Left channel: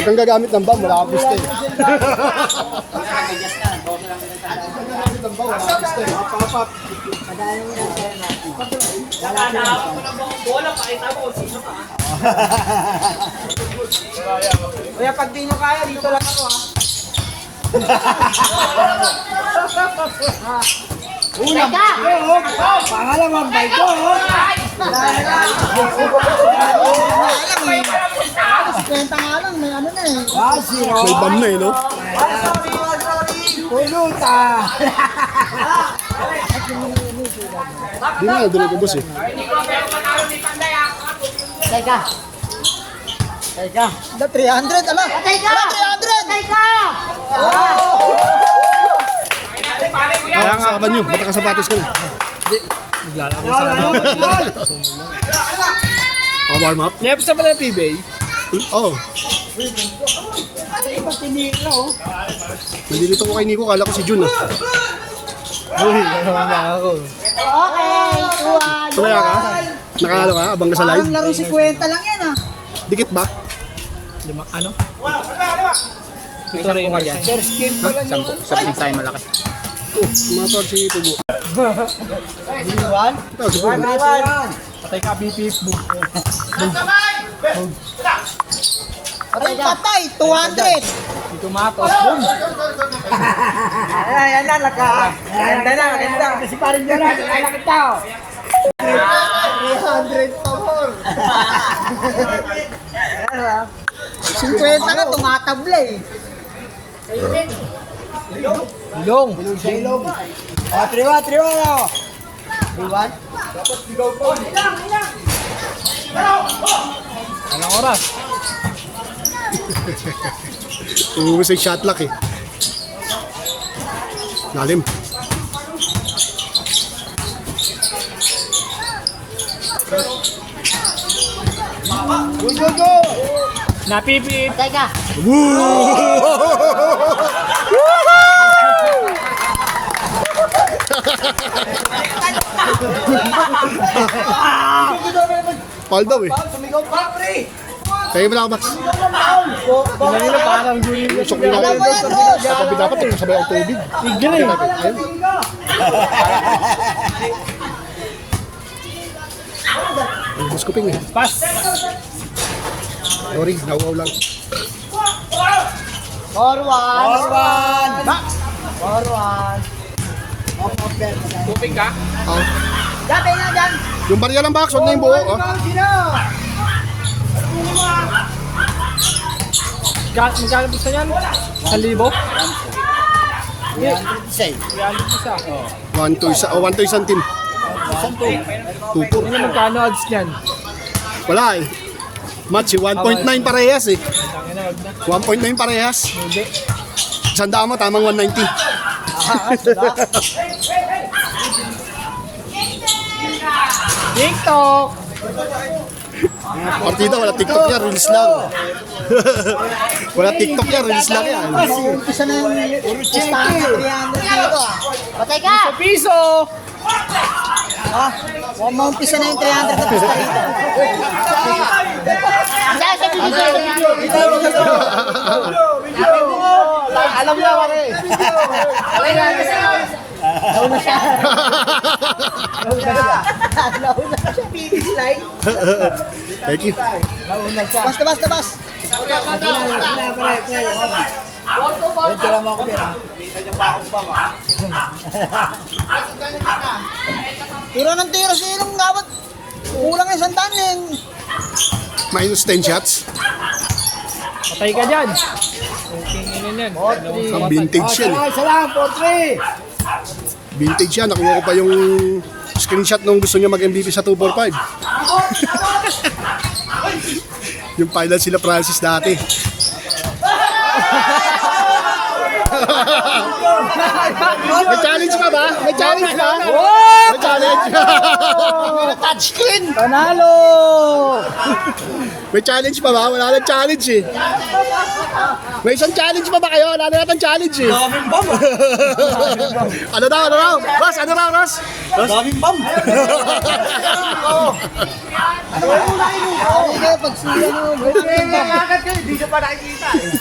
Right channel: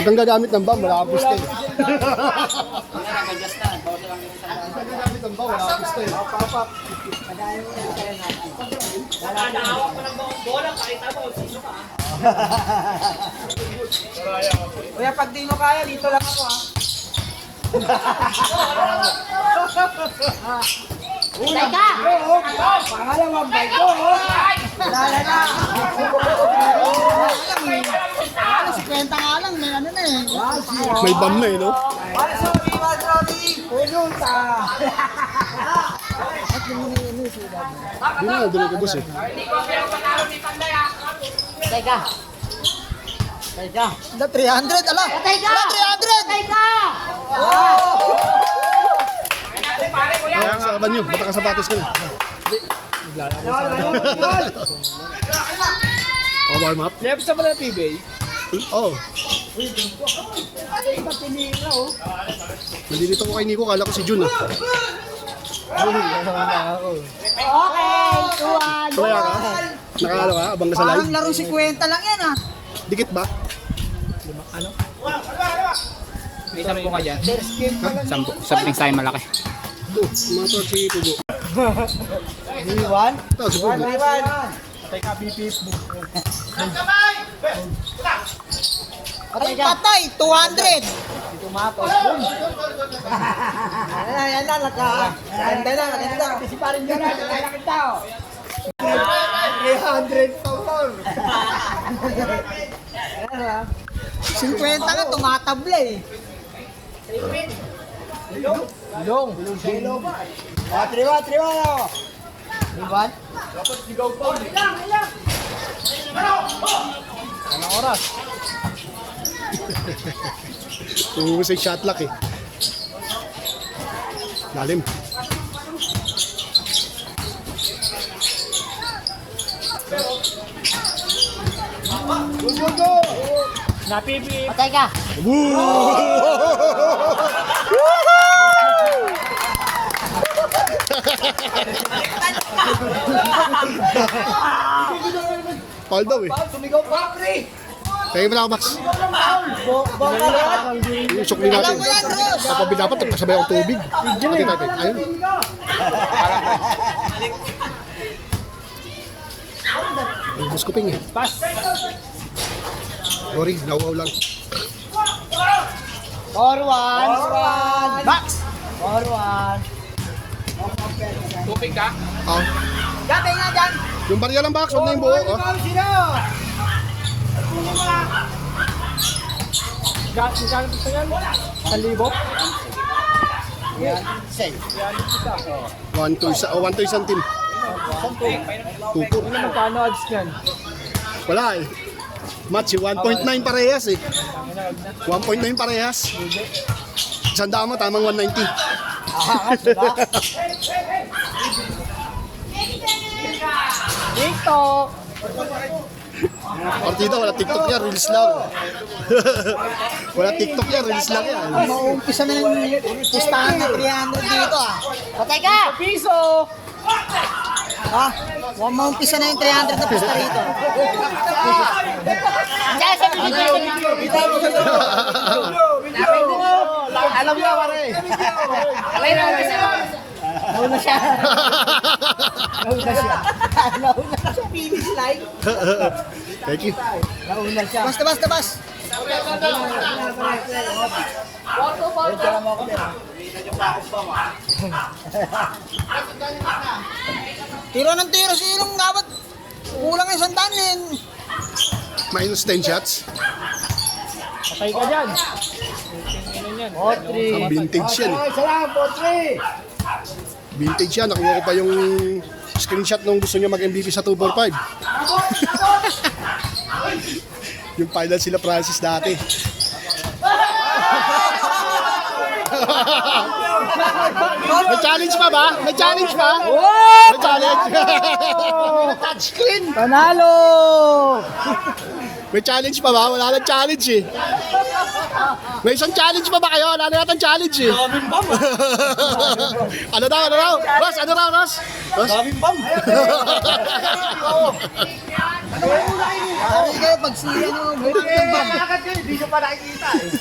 Huwag kang gagamit ng bam, wala kang piste. Kaya pag di mo kaya, dito lang ako ha. Teka! Pangalaman ba ito? Kwenta nga lang, may ano na eh. May bam na eh, no? Sorry. Puluta. Di na, hindi ko boss eh. Teka! Teka! 300, ala. Teka! 300! Teka! Kaya nga kaban nyo, bata ka sapatos ka na. Warm up? Left sa pala PBA. Oo. Hindi dito ko kay Nico, kala ko si Jun ah. Uy, ano na ako. Okay! Kaya ka? Nakakala ka? Abang ka sa live? Parang laro si Kwenta lang yan ah. Dikit ba? Lima, ano? Ito rin yung sir, skin pa lang yung Something sa'yo malaki. Oh, sumatawag si Tubo. Iwan? Tawag si Tubo. Patay ka, BP. Patay, patay! 200! Dito matos, boom. Ayan na, Ganda na, ganda. Si parin dyan na, lalakit tao. 300 pa more. 50 na, tumatabla eh. Ilong. Ilong sa ilong. Ah, triwa. Iwan? Anong oras? Tumubos ay shot lock eh. Lalim. Go. Napipit. Patay ka! Paul daw eh. Sumigaw pa, pre. Kaya mo na ako, Max. Pinahila parang juri na siya. Alam mo yan, boss! Sabi dapat ito sabay ang tubig. Tigil eh. Bus ko ping eh. Pas. Sorry, nauaw lang. Forward! Back. Forward! Moving ka? Ah, Dati nga dyan! yung barya lang box, huwag na yung buo. Ah. Magkano gusto niyan? 1,000? Yan. 1 to isa, 1 to isang team. Tupo. Ano magkano odds niyan? Wala eh. Match eh, 1.9 parehas eh. 1.9 parehas. Hindi. Sandaan mo, tamang 190. TikTok. Partida, wala TikTok yan, release lang. Wala TikTok yan, release lang yan. Umpisa na yung listahan ng 300 dito ah. Patay ka! Sa piso. Ah, mukhang maumpisa na yung 300 na pista rito. Saan sa video? Alam niya, pare. Nauna siya. Nauna siya. Finish line. Thank you. Nauna siya. Basta, bas. Ito lang mo ako din. Tiro ng tiro. Sinong dapat? Kulang na isang tanin. Minus 10 shots. Patay ka dyan. Okay, yun yan. Ang vintage yan eh. Isa lang, 4-3. Vintage yan. Nakuha ko pa yung screenshot nung gusto niya mag-MVP sa 245. Yung final sila Francis dati. May challenge pa ba? May challenge ba? May challenge. Touchscreen. Panalo! May challenge pa ba? Wala nang challenge eh. May isang challenge pa ba kayo? Wala na natin challenge eh. Ano daw? Ross, ano daw, Ross? Daming bam. Ikaw, pag siya no,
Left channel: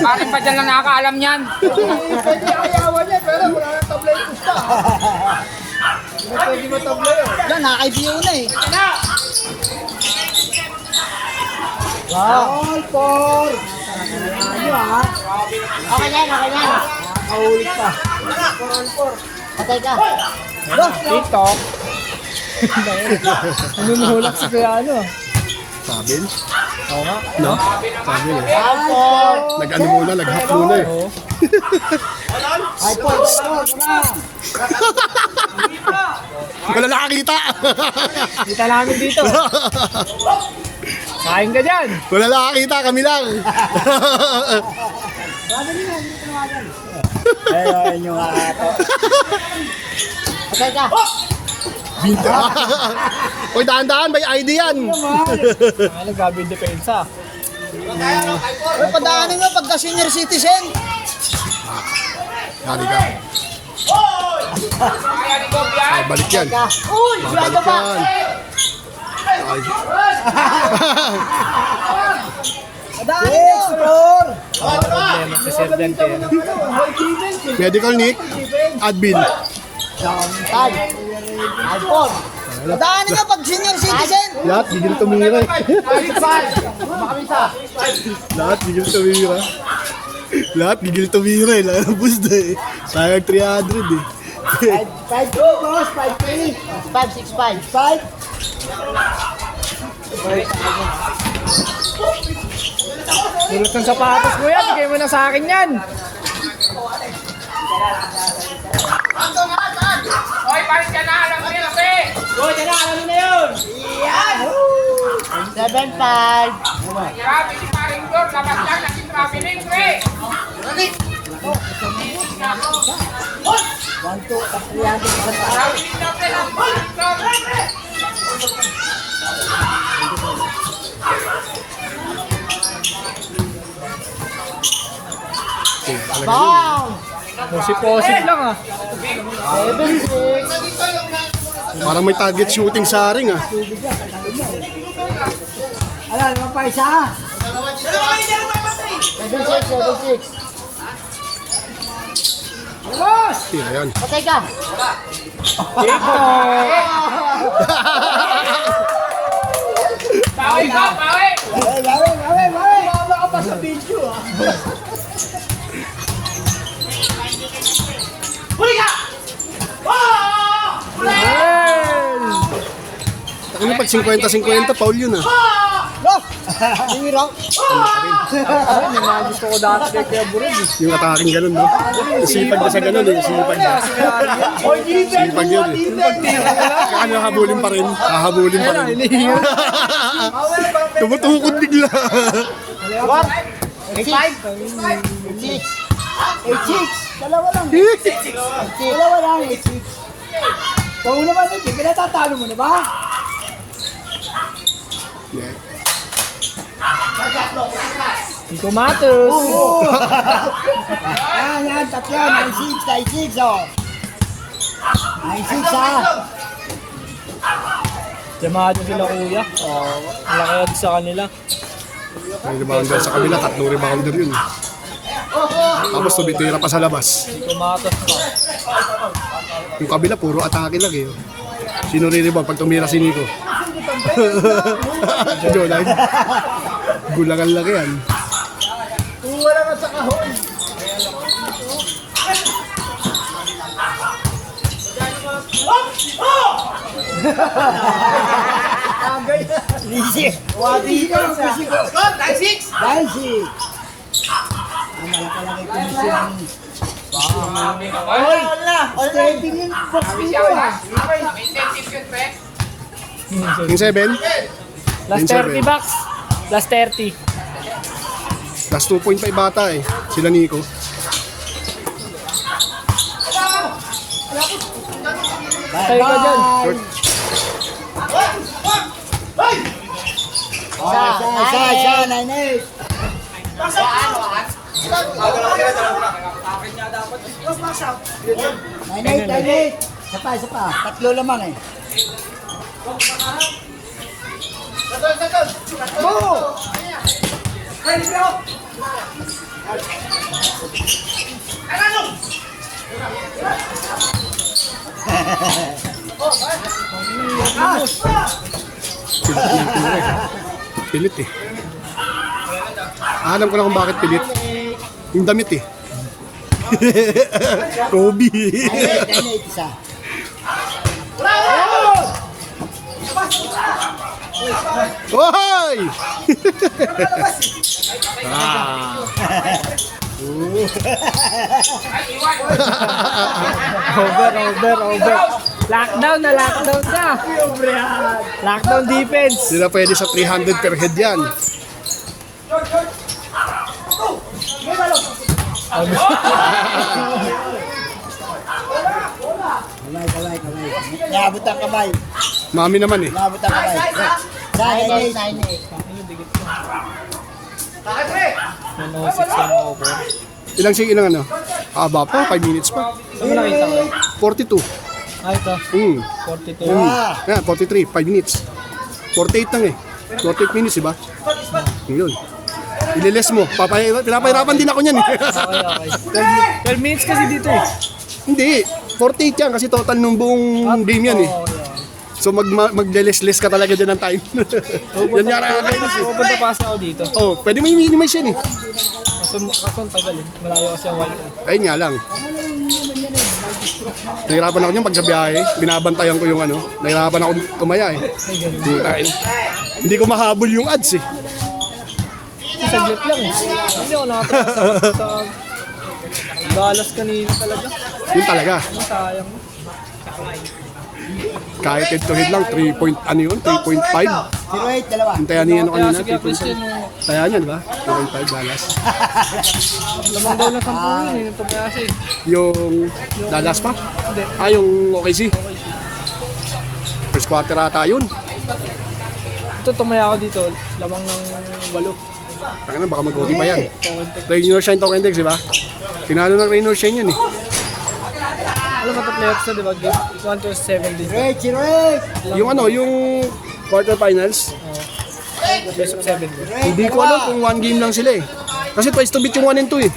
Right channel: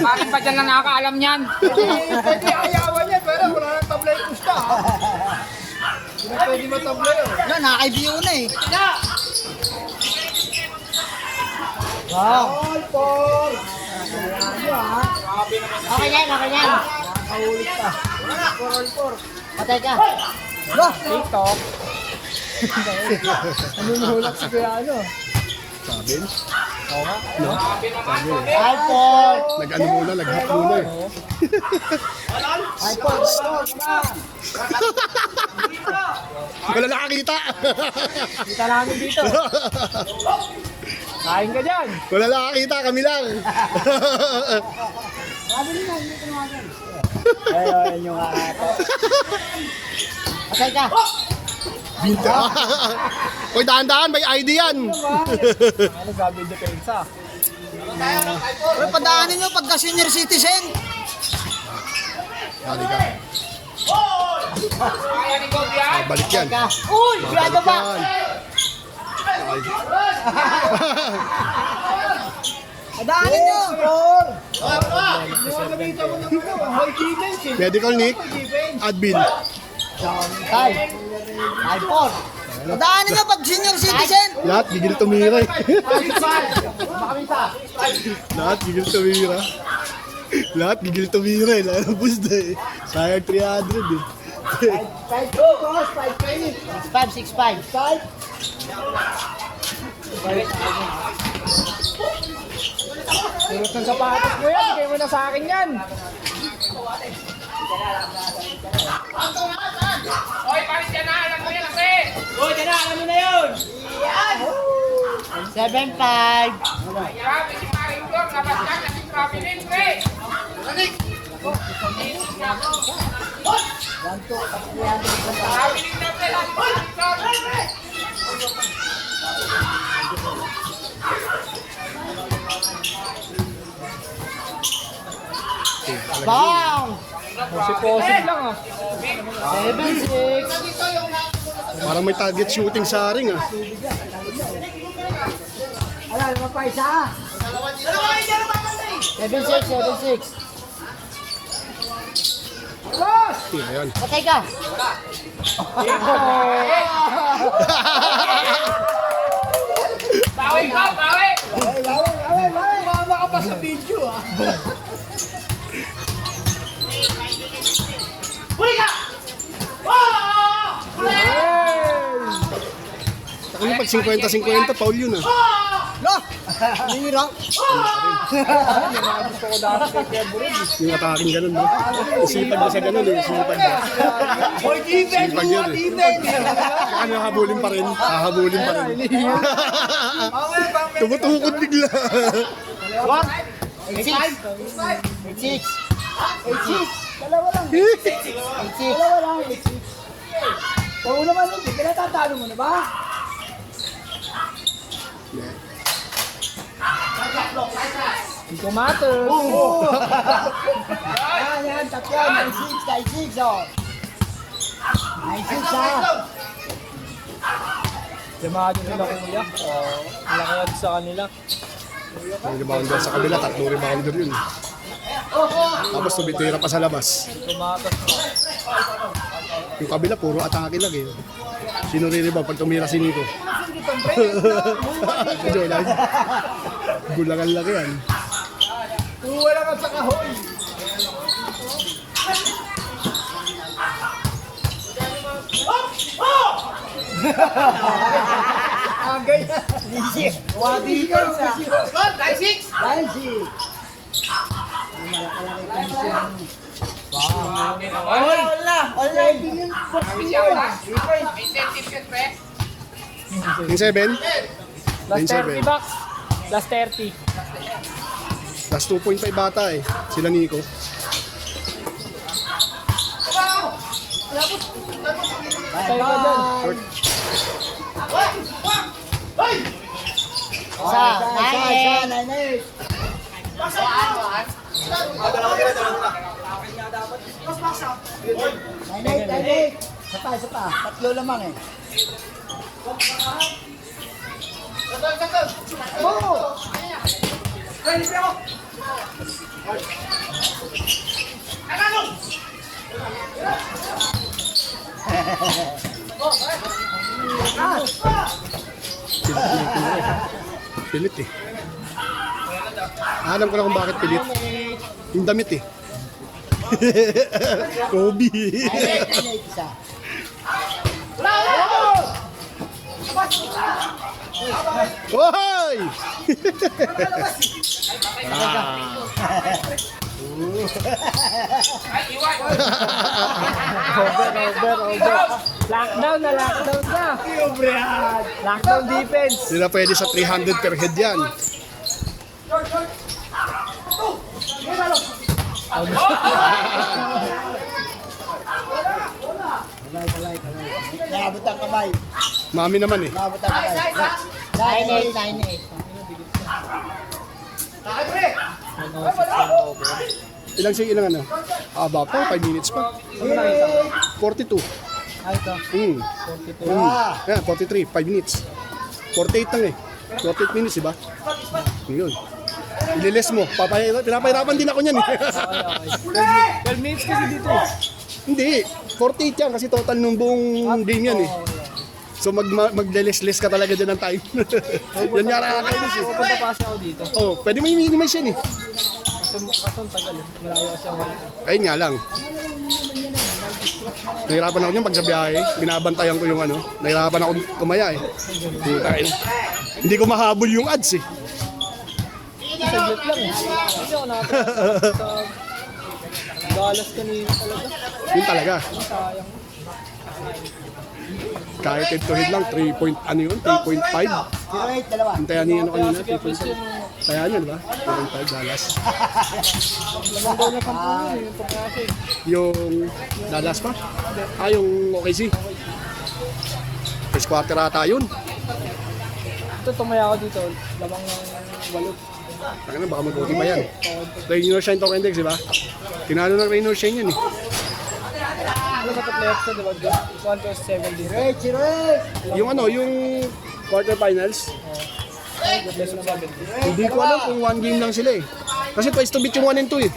Bakit pa dyan na nakakaalam yan? yan, nakakaibiyo na eh. Okay yan, okay yan. Patay ka. TikTok. Nanunulak si kaya ano. Sabil? Oo nga. No? Sabil eh. Alpon. Nag-ano muna, nag-hack muna eh. Oo. Wala nakakita. Kita namin dito. Kain ka dyan. Wala nakakita, kami lang. Ayun yung ato. Patay ka. Bita. Hoy, dahan-dahan, may ID yan. Ano, gabi depensa. Uy, padaanin mo pagka senior citizen. Hari ka. Balik yan. Ka. Uy, sigurado ba? Yan. Ay. Padaanin mo. Explore. Problema si Sir Dante. Medical Nick, admin. Tad. Alpon. Padaanin mo pag senior citizen. Lahat, gigil tumira eh. Lahat, gigil tumira. Lahat, gigil tumira eh. Lalabos na eh. Sayang 300 eh. 565. Tulot ng sapatos mo yan. Bigay mo na sa akin yan. Hoy, palit ka na. Alam mo yan kasi. Hoy, yan na. Alam mo na yun. 75. Grabe si Paring Dor. Labas lang. Naging traveling ko eh. Bang. Posip lang ah. 76. Parang may target shooting sa ring ah. Alam mo pa isa. 76. Yan. Patay ka. Bawi ka, bawi! Ano pag 50-50, Paul yun ah. Hirang. Ay, may mga gusto ko dati kay Kuya Burod eh. Yung ataking ganun, no? Isipag na sa ganun eh. Isipag na. Isipag yun eh. Ano, habulin pa rin. Hahabulin pa rin. Tumutukod bigla. 6. 86. Dalawa lang. Dalawa lang. 86. Kung naman ito, pinatatalo mo na ba? Yung tomatos. Yan, tatlo. 96, oh. 96, ha? Yamado sila kuya. Malaki sa kanila. May rebounder sa kabila, 3 rebounder yun. Tapos tumitira pa sa labas. Yung tomatos pa. Yung kabila, puro atake lang eh. Sino rin pag tumira si Nico? Jolan. Gulangan lang yan. Wala ka sa kahon. Easy. Wadi ka kasi ko. 96. 96. Ang malaki-laki komisyon. Oy, wala. Stepping yung box dito ah. Yung 7, Last 30 bucks. Last 30. plus 2.5 bata eh. Sila Nico. Patay ka dyan. Isa, 9-8. 9-8. Isa pa. Tatlo lamang eh. Go! Pilit eh. Alam ko lang kung bakit pilit. Yung damit eh. Kobe. 9-8 isa. Hoy! Ah. Over. Lockdown na. Lockdown defense. Hindi na pwede sa 300 per head yan. Kamay. Naabot ang kamay. Mami naman eh. Naabot ang kamay. Isa, 9-8. 106 over. Ilang siya ilang ano? Aba pa, 5 minutes pa. Ano nakita ko? 42. Ito. 42. Ah, 43, 5 minutes. 48 lang eh. 48 minutes, diba? Yun. Ililes mo. Pinapahirapan din ako niyan eh. Okay. 12 minutes kasi dito eh. Hindi. 48 yan kasi total nung buong game yan eh. Oh, yeah. So magle-less ka talaga dyan ng time. Yan nga nakakainis eh. Pupunta pa kasi ako dito. Oh, pwede mo i-minimize yan eh. Kaso ang tagal eh. Malayo kasi ang white eh. Ayun nga lang. Nahirapan ako niyan pag sa biyahe. Binabantayan ko yung ano. Nahirapan ako tumaya eh. Ay, ganun. Hindi ko mahabol yung ads eh. Saglit lang eh. Hindi ako nakatapos sa balas kanina talaga. Yun talaga. Ano sayang. Kahit head to head lang, 3 point, ano yun? 3.5. 0-8, dalawa. Hintayan niya ano kanina, Sige, question 3.5. mo. Kaya niya, diba? 3.5 balas. Lamang daw na 10 yun eh. Ito kaya siya eh. Yung dalas pa? Hindi. Yung OKC. First quarter ata yun. Ito tumaya ako dito. Lamang ng 8. Taka na, baka mag-OT pa yan. Contact. Rainier Shine Token Index, diba? Tinalo ng Rainier Shine yun eh. Alam ba ito playoffs na diba? 1 to 7 din. 0-8. Yung ano, yung quarterfinals, Best of 7 din. hindi ko alam kung 1 game lang sila eh. Kasi twice to beat yung 1 and 2 eh.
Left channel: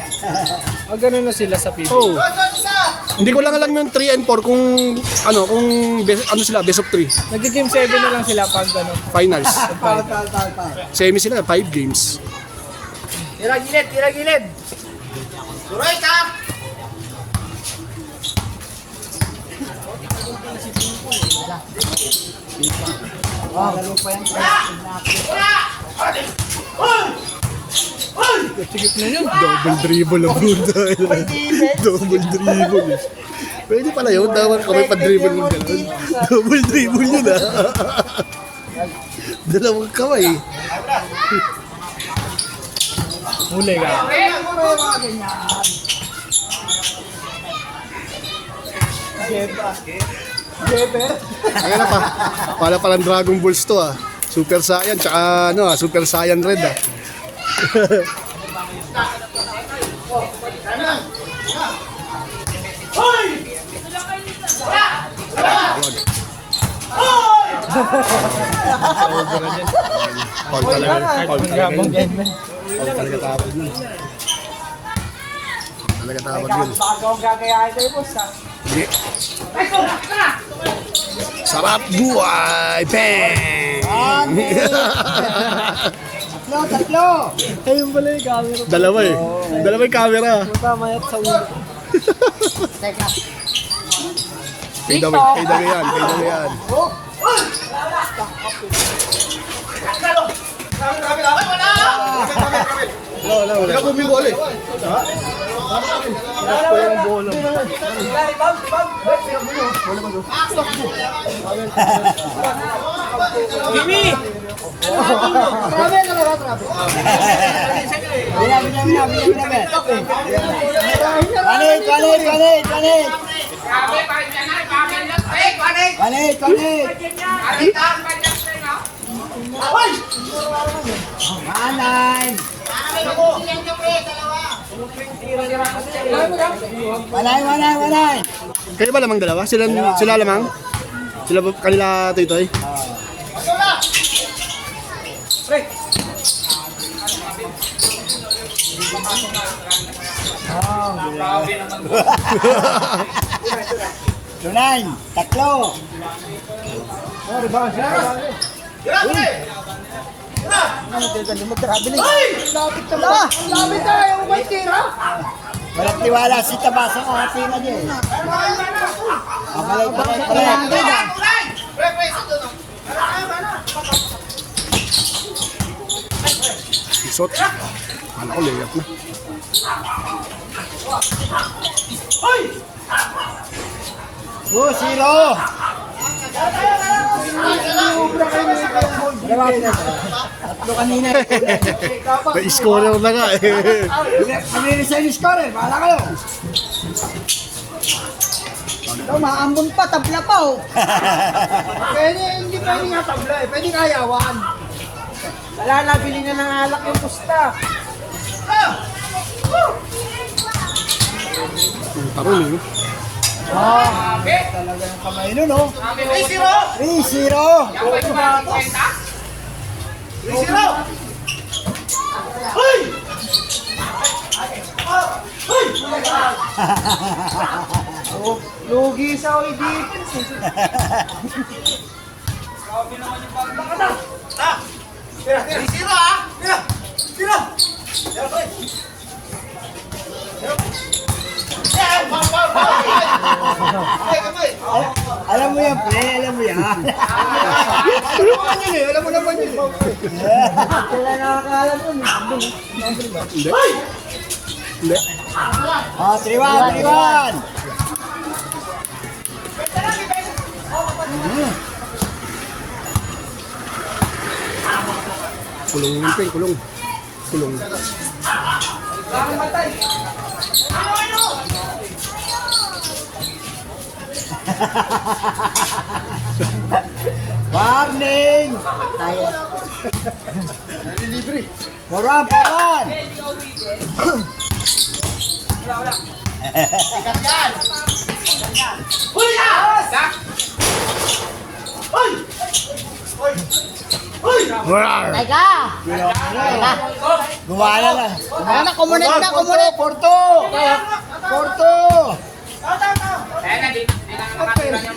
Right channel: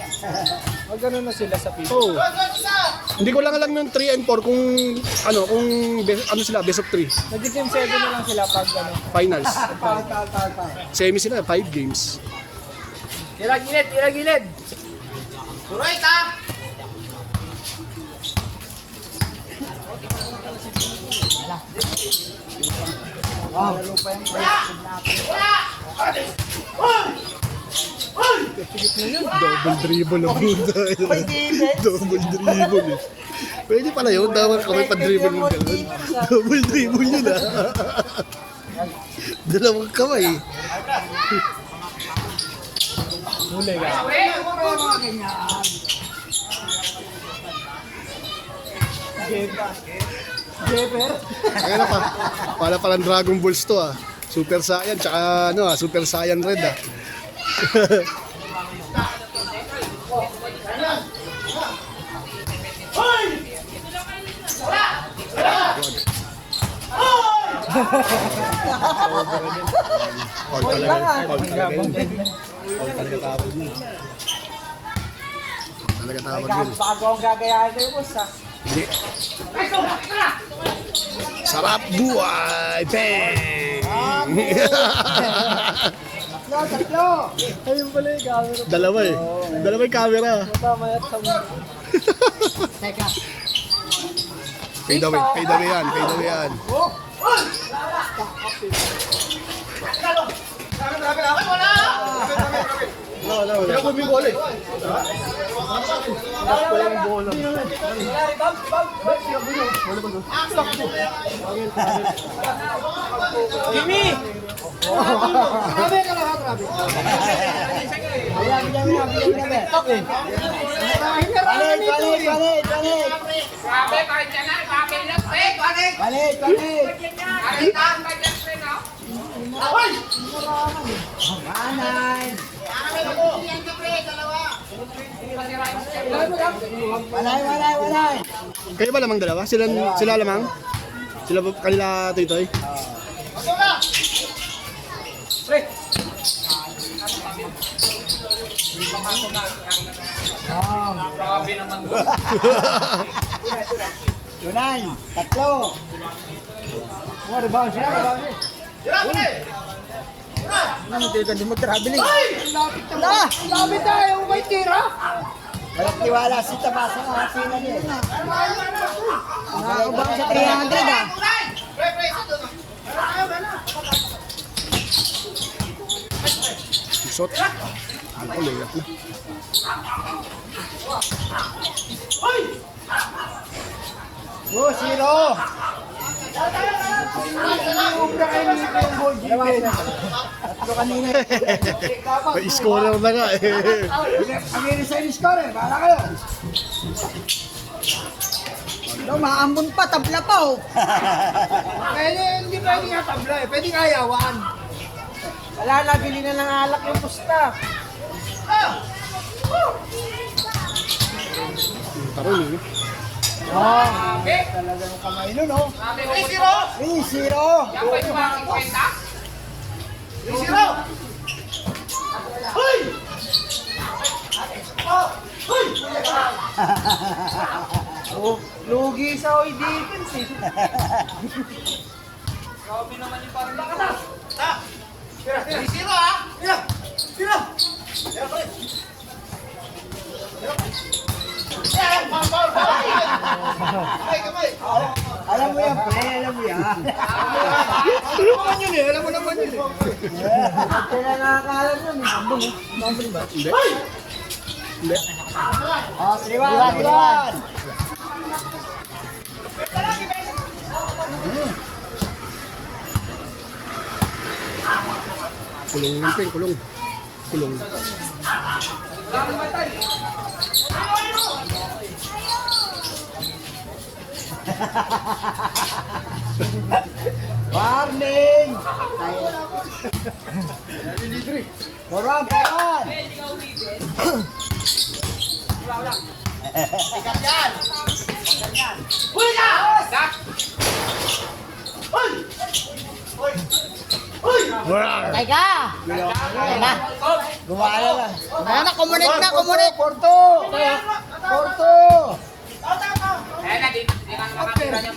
Ganun na sila sa PB. Oh. Hindi ko lang alam yung 3 and 4 kung ano, kung ano sila, best of 3. Nag-team 7 na lang sila pag ano. Finals. Foul. Semi sila, 5 games. Tira gilid. Turay ka! Laro pa yan. Sigit na yun. Double dribble ang buda. Double dribble. Pwede pala yun, dapat kami pa-dribble mo gano'n. Double dribble yun ah. Dalawang kamay. Huli ka. Kaya na pa, pala palang Dragon Balls to ah. Super Saiyan, tsaka ano ah, Super Saiyan Red ah. Over na din. Paul talaga. Paul Ang talaga. gabong game man. Paul talaga tawag yun. Talaga tawag yun. Hindi. Sarap buhay! Bang! Tatlo. Ayun pala yung camera. Dalawa eh. Dalawa yung camera. Matamayat sa ulo. Kay Dawi yan. Jimmy! Binabi. Panit. Manay. Manay. Kayo ba lamang dalawa? Sila lamang? Sila ba kanila Toy? Tunay, tatlo. Walang tiwala si Tabasa ng hati na niya eh. Balik. Isot. Ano ko, layap na. Zero. Dalawa po na. Tatlo kanina. May scorer na nga eh. Kumili sa scorer, bahala kayo. Maambon pa, tabla pa oh. Pwede, hindi pwede nga tabla eh. Pwede nga yawan. Wala na, bili na ng alak yung pusta. Tarong eh. Talaga yung kamay nun, no? 3-0. Oh, lugi sa defense eh. Grabe naman yung pagkakata. Alam mo yan, pre. Alam mo yan. Alam mo naman yun. Wala nakakaalam yun eh. Hindi. Oh, 3-1. Kulong yung pin, kulong. Kulong. Warning! Puruan! Teka! Gumala na. Kumunit na, kumunit. Porto!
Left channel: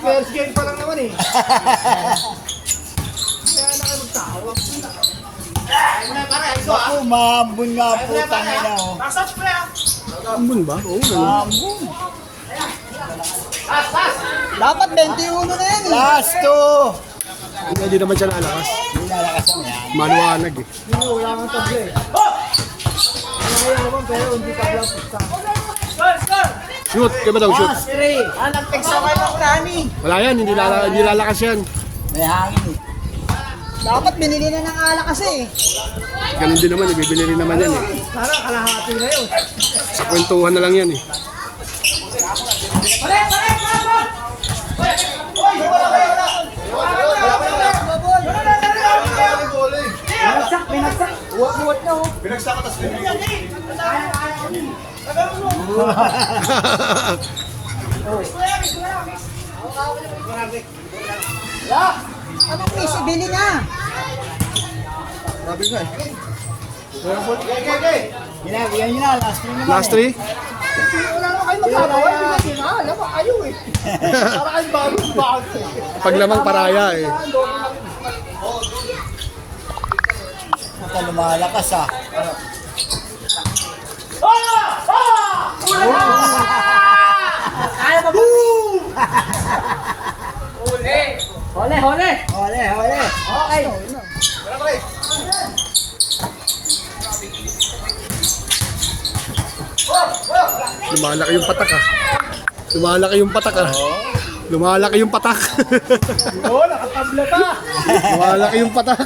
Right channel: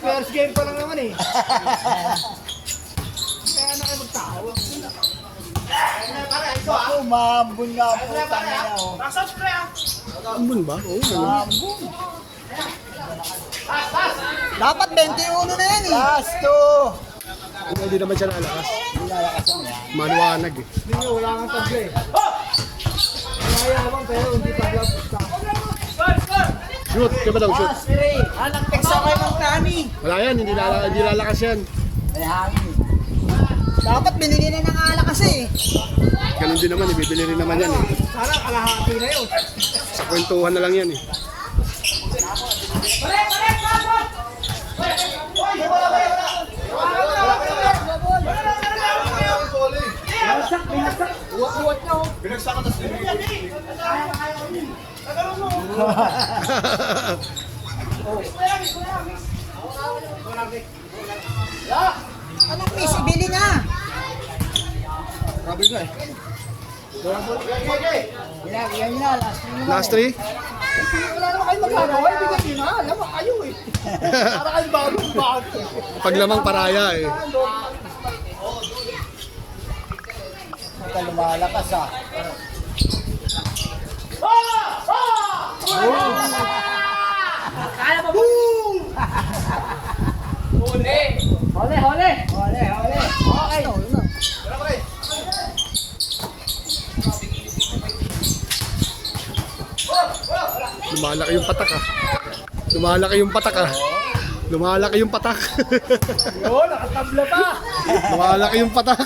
First game pa lang naman eh. Naku, maambun nga po, tangina oh. Ambon ba? Oo. Maambun. Dapat 21 na yan eh. Last two. Hindi naman siya lalakas. Hindi lalakas ang yan. Maluwanag eh. Wala kang tabla eh. Wala pero hindi pa alam pusta. Shoot! Kaya ba daw shoot? Last three. Nag-text ako ng Dani. Wala yan, hindi lalakas yan. May hangin eh. Dapat binili na ng alak kasi eh. Ganun din naman, ibibili rin naman yan eh. Sana kalahati na yun. Sa kwentuhan na lang yan eh. Binagsak. Uwat-uwat na oh. Ano please, ibili na. Yan yun na, last three naman Last three? Wala naman kayo magkagawa. Binili na. Alam mo kayo eh. Para kayo bago-bago eh. Pag lamang paraya eh. Naka lumalakas ah. Kaya pa ba? Hole. Ole. Okay. Lumalaki yung patak ah. Lumalaki yung patak ah. Lumalaki yung patak. Oo, nakatabla pa. Lumalaki yung patak.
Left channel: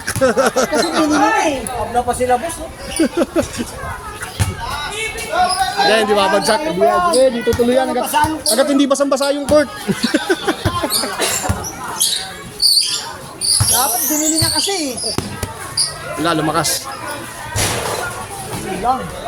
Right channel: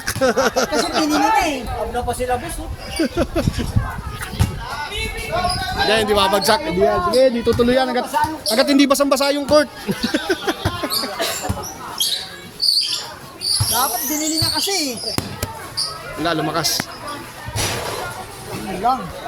Kasi binili na eh. Tabla pa sila boss. Ayan, hindi mabagsak. Hindi tutuloy yan. Agad hindi basang-basa yung court. Dapat binili na kasi eh. Wala, lumakas. Lang.